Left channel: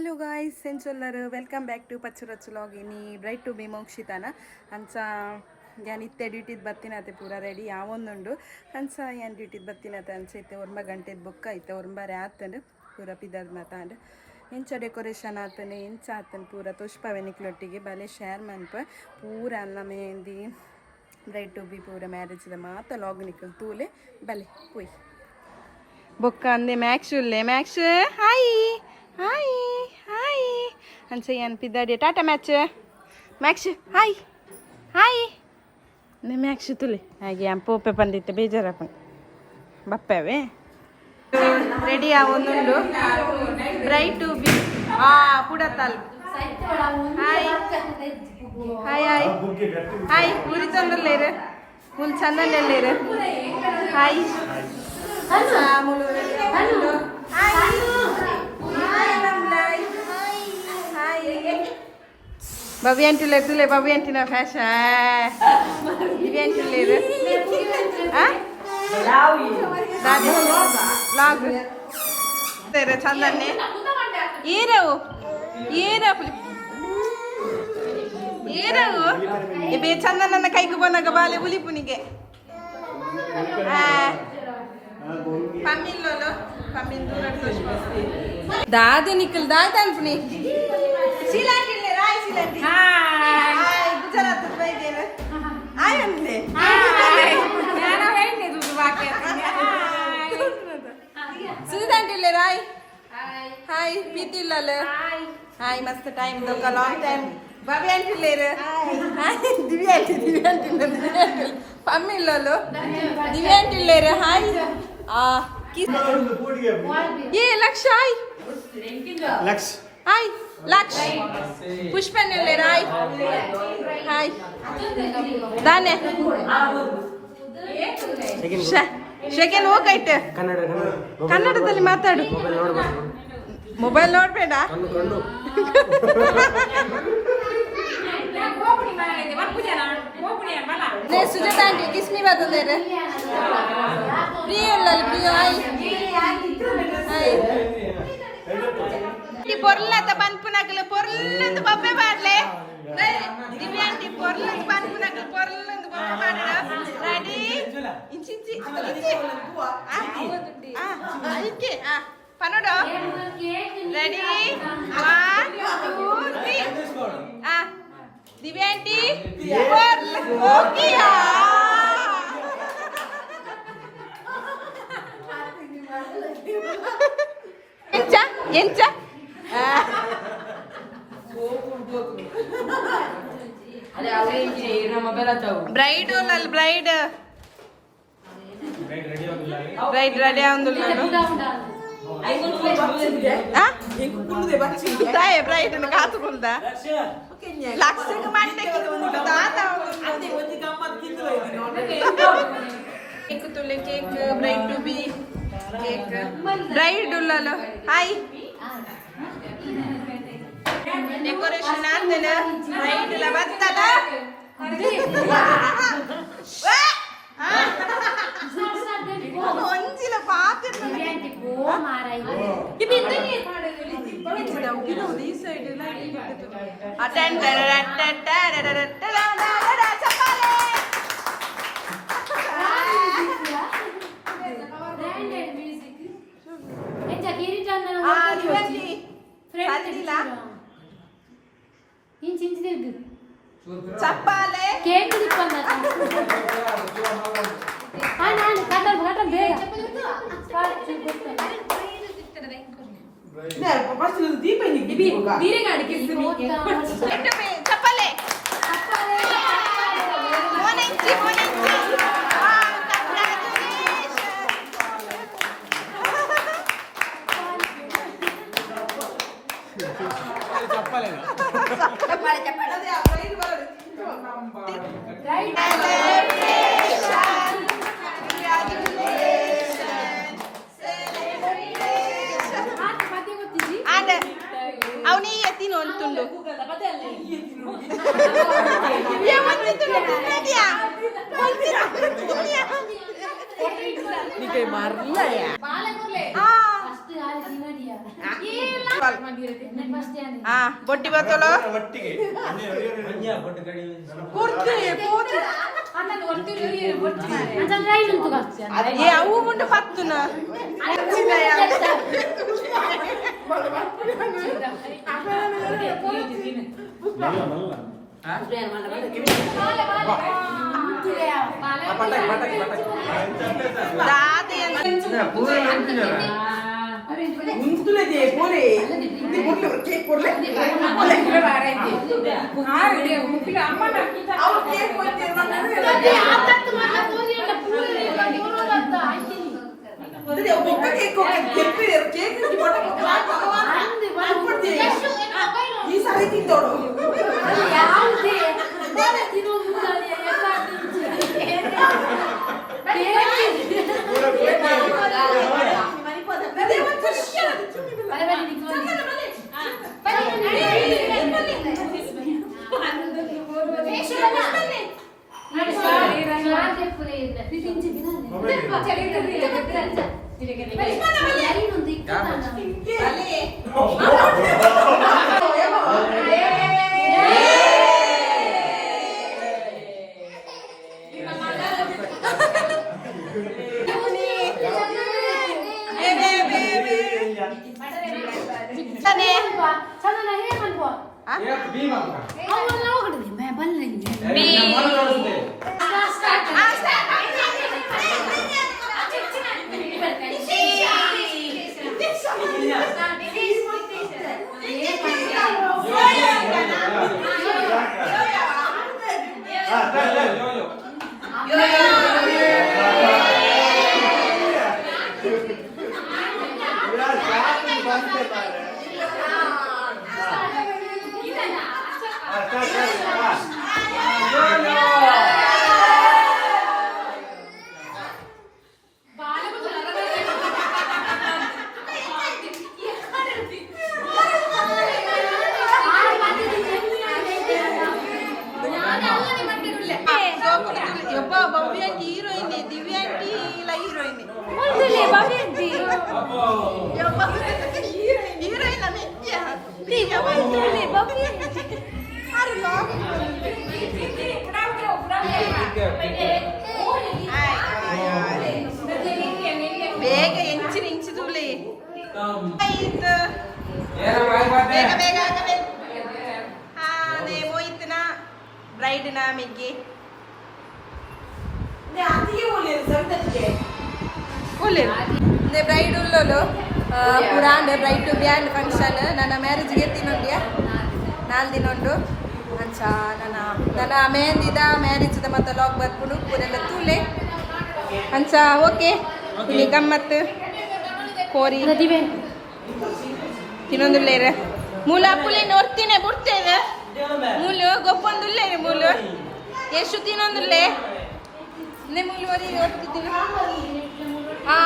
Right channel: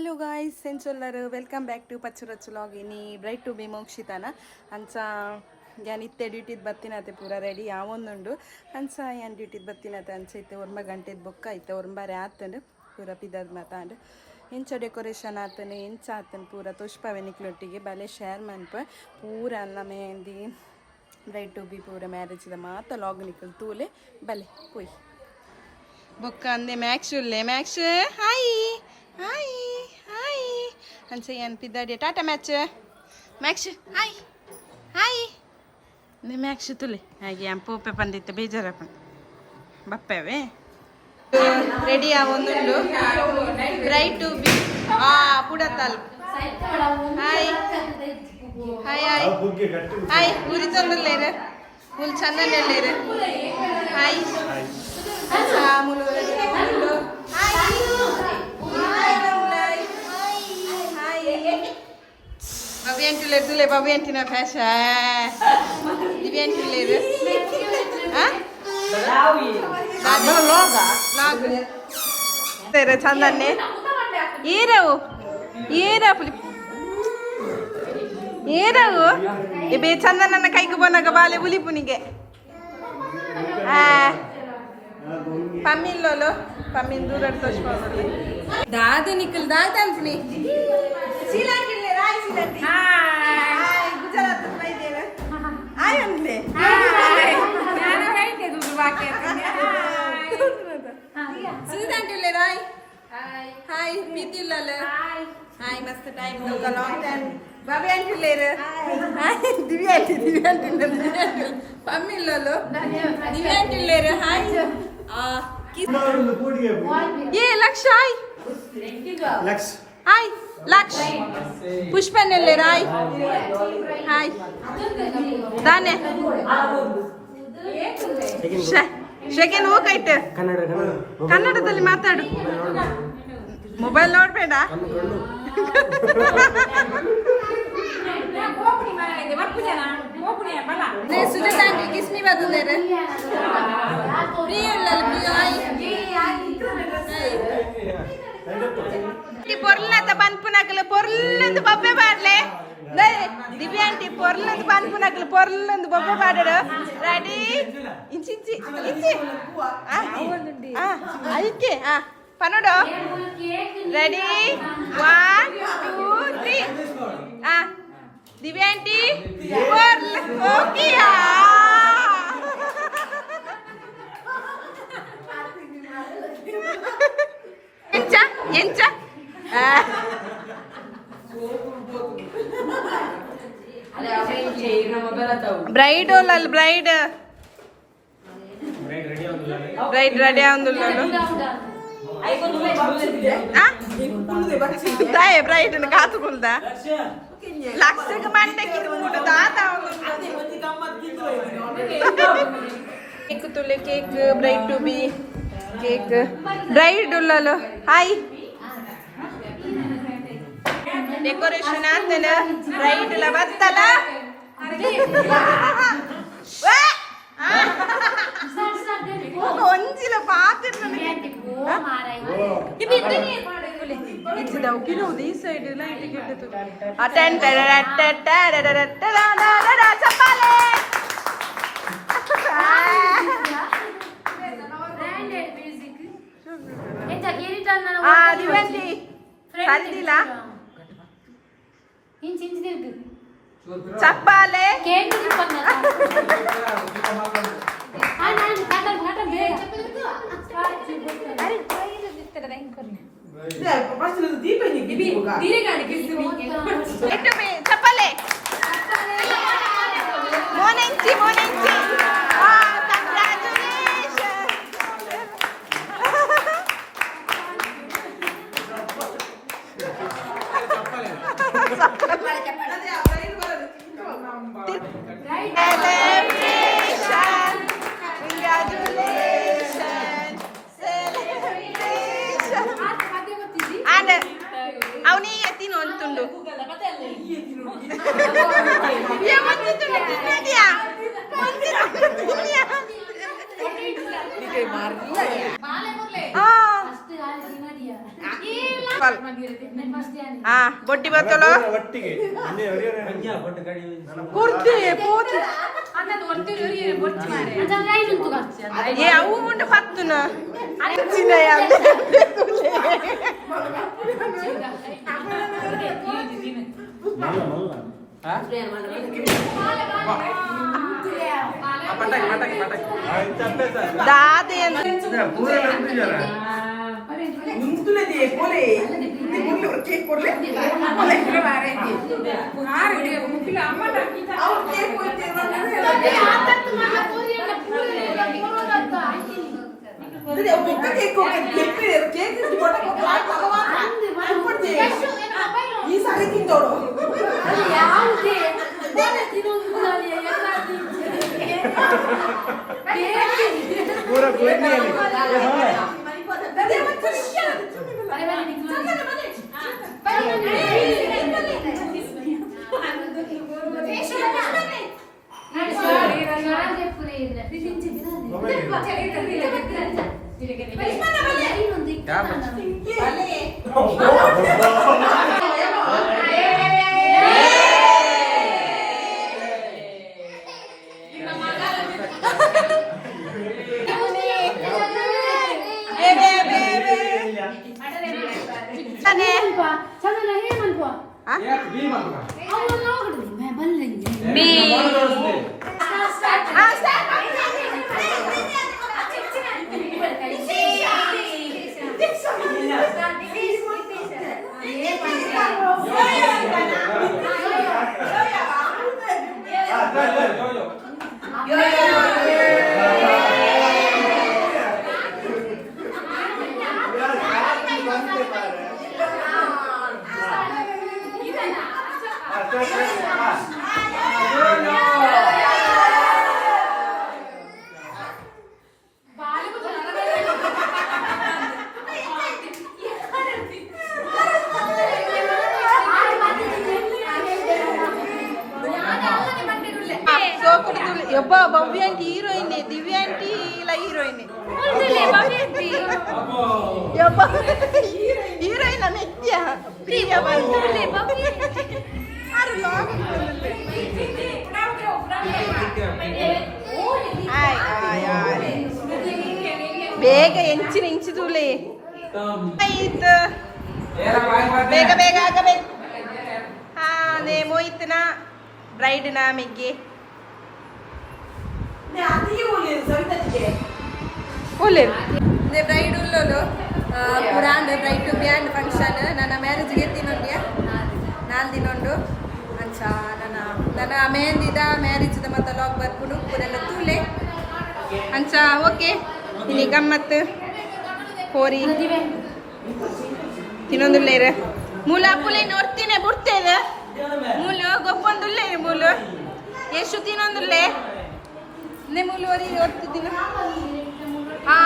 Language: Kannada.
హలో గాయ్స్ సెన్సొల్లరు వెల్కమ్ ಬ್ಯಾಕ್ ಟು ಪಚ್ಚುರಚ್ಚು ವ್ಲಾಗ್ ಇನಿ ಬ್ರೈಟ್ ಟು ಬಿ ಮೋಕ್ಷಿತಾನ ಅಂಚ ಯಾನ್ ಇತ್ತೆ ಡ್ಯೂಟಿದ್ ಬತ್ತಿನತೆ ಪೂರ ರೆಡಿ ಯಾವೊಂದುಂಡು ಅಂಚ ಯಾನ್ ಡ್ಯೂಟಿದ್ ಬತ್ತಿನತೆ ಅಂಚ ಇತ್ತೆ ಒರ್ಮ ಗಂಟೆದ ಬೊಕ್ಕ ಐತೆ ಒರ್ಂಬಾರೆ ಆತಂಡು ಪೂರ ಪಿದದ್ ಮಾತಾಂಡು ಎಂಚ ಡೆಕೋರೇಷನ್ ಆತನು ಎಂಚ ಆತನು ಪೂರ ತುಷ್ಪವೆನಿಕ್ಲೊಟ್ಟಿಗೆ ಬಲೆ ಶೇರ್ ಮನ್ಪ ಪೂರ ಅನ್ನ ಮೆಹಂದಿ ಬ್ರೈಟ್ ಟು ಬಿ ಪೂರ ಮ್ಯಾರೇಜ್ದ ಮಾತ ಲಾಗ್ ನಿಕ್ಕಲ್ ತೂಲೆ ಬಲೆ ಪುಯ್ ಬೊಕ್ಕ ಅಂದೆ ಮ್ಯಾಕ್ಸ್ ಹಾಯ್ ಹಾಯ್ ಹಾಯ್ ಅನ್ಸಯ್ಯನ್ ಪಿದ್ದಾಡಿ ಟಾಟಾ ಮ್ಯಾಕ್ಸ್ ಹಾಯ್ ಹಾಯ್ ಮ್ಯಾಕ್ಸ್ ತುಲಿ ಹಾಗೆ ಪೋಪೆ ಬಂದಿತ್ತೆ ಬೇಜಾರಪ್ಪ ಬಪ್ಪವೇ ರೆಡಿ ಆವೊಂದುಂಡು ಬ್ರೈಟ್ ಟು ಬಿ ಪುಡತಲ್ ಹಾಯ್ ಹಾಯ್ ಹಾಯ್ ಹಾಯ್ ಊರಿ ತೊಂದರ್ಲೇರು ಫುಲ್ ಚಂದನೆಲ್ಲೇರು ಹಾಯ್ ಮುಲು ರೆಡಿ ಆವೊಂದುಂಡು ಹಾಯ್ Babi antuler tule babi antina fasha. Divi antuler. Ah? Dadi log. Tere chandanne. Yeravu. Yeravu. Ibe chandanna kai ku bonaga bale buli punige. Ah. Pamillolo. Pamin durar toshpasti. Dadu nikul dadan puni. Silanti. Hai, Gujarat baidera. Hai anle. Hai. Yana baide dudu bakiyatine. Hai. Silanti rai. Hai. Hai, pitillale. Hai. Hai, mast time doka long time. Babi antillere. Hai. Hai, Divi anti. Pammillalo. Divi antillere. Hai. Ye Laksh hai. Laksh. Hai. Laksh Pushpanelle Rai Hi Dane Shaken ಹೋಗೈತೆ ಕನ್ನಡದಲ್ಲಿ ಮಾತಾಡು ಮೊಬೈಲ್ ನೋಡಬೇಡ ನೇ ಸುಜಾತ ಆಂಟಿ ಕಿಸ್ಮಿ ಬರ್ತದೆ ಪ್ರಿಯಲ್ಲ ಪ್ರಿಯ పొరలంత పనుపునకలు పొరలంత బొబ్బే పాడలే దివ్య ఆంటీ పొరలంత పనుపునకలు పొరలంత బొబ్బే పాడాడు రెడీ ఇంచి అయితే పనుడు రెడీ 1 2 3 దివ్య ఆంటీ ఓకేయా ఎంచ ಬ್ರೈಡ್ ಬ್ರೈಡ್ ರೆಡಿ ಆಗುದಿಲ್ಲ ಬ್ರೈಡ್ ಕಾತುಕುಲ್ದ ಲಕ್ಷಕ್ಕೆ ಮಂಡಕ್ಕೆ ಕೇಕ್ ತುಲೆ cake bride to be cake bride ಉಳ್ಳಲು ಹಾಯ್ ಡೆಕೋರೇಷನ್ ಆದ್ಮೇಲೆ ಬ್ರೈಡ್ ಎಲ್ಲ ಬರ್ತಲ್ಲ ಒಂಜಿಲ ಪಾತ್ರ ಈ ಸೈಡ್ ಚಪ್ಪಾಲೆ ಚಪ್ಪಾಲೆ ಚಪ್ಪಾಲೆ ಮೋನೆಂಚಿ ಅವನಿ ಎತ್ತಿ ನೋಡ್ತುಂಡು ಬೊಟ್ಟಿ ಬರ್ತಲೋ ಕೊಡ್ತೀವಿ ಪೋತಿ ಅವು ಮುಂದೆ ಪತ್ತುನ ದಾದೆ ಈ ಸಾರಿ ತಿಂದೋಡು ಯಬ್ಬ Bhavya aunty heroine, Divya aunty ಇಲ್ಲ ಹೀರೋಯಿನ್, ಯಬ್ಬ ಹೀರೋಯಿನ್ ಮೆತ್ಯ ಪ್ರಿಯ ಬೇಗ ಎಂಚಿನ ಇಂಚು ತೂಲೆ ಬೇಗ ಬೇಗ ಆಗಬೇಕು. ಹಾ ನೇ ಮೋಯ್ತನ ಬ್ರೈಡ್ನ ಮೆಗ್ಗೆ ಬ್ರೈಡ್ ಉಲ್ಲೋಲು ಪುರಾಂಡ್ ಬ್ರೈಡ್ ಟು ಬ್ಯಾಂಡ್ ಫಂಕ್ಷನ್ ನನ್ನ ಮ್ಯಾರೇಜ್ಗೆ ಎತ್ತಿನೊಂಡ್ಯ 4 ದಿನ ಉಂಡು ಅಂಚ ನನ್ನ ಮೆಹಂದಿದ ಮ್ಯಾರೇಜ್ದ ಮತ್ತು ಲಾಗ್ ಬರ್ಪುಡು ಪೂರೆಲ್ಲ ತೂಲೆ ಅಂಚ ಓಕೆ ಇಲ್ಲಿ ಗಮ್ಮತ್ತು ಕೋರಿ ತಿನ್ನೊಂದುಲ್ಲೇರ ಮೂಲ ಅಪ್ಪುಲೆ ನೋಡ್ತೀನಿ ಬಿಡ್ತೇವೆ ಮೂಲು ಗೊಬ್ಬೊಂದುಲ್ಲೆ ಮೂಲು ಎಷ್ಟು ತಿನ್ನೊಂದುಲ್ಲೆ ಮೂಲು ವರಿ ಓದ್ತಿದ್ದೀನಿ. ಹಾ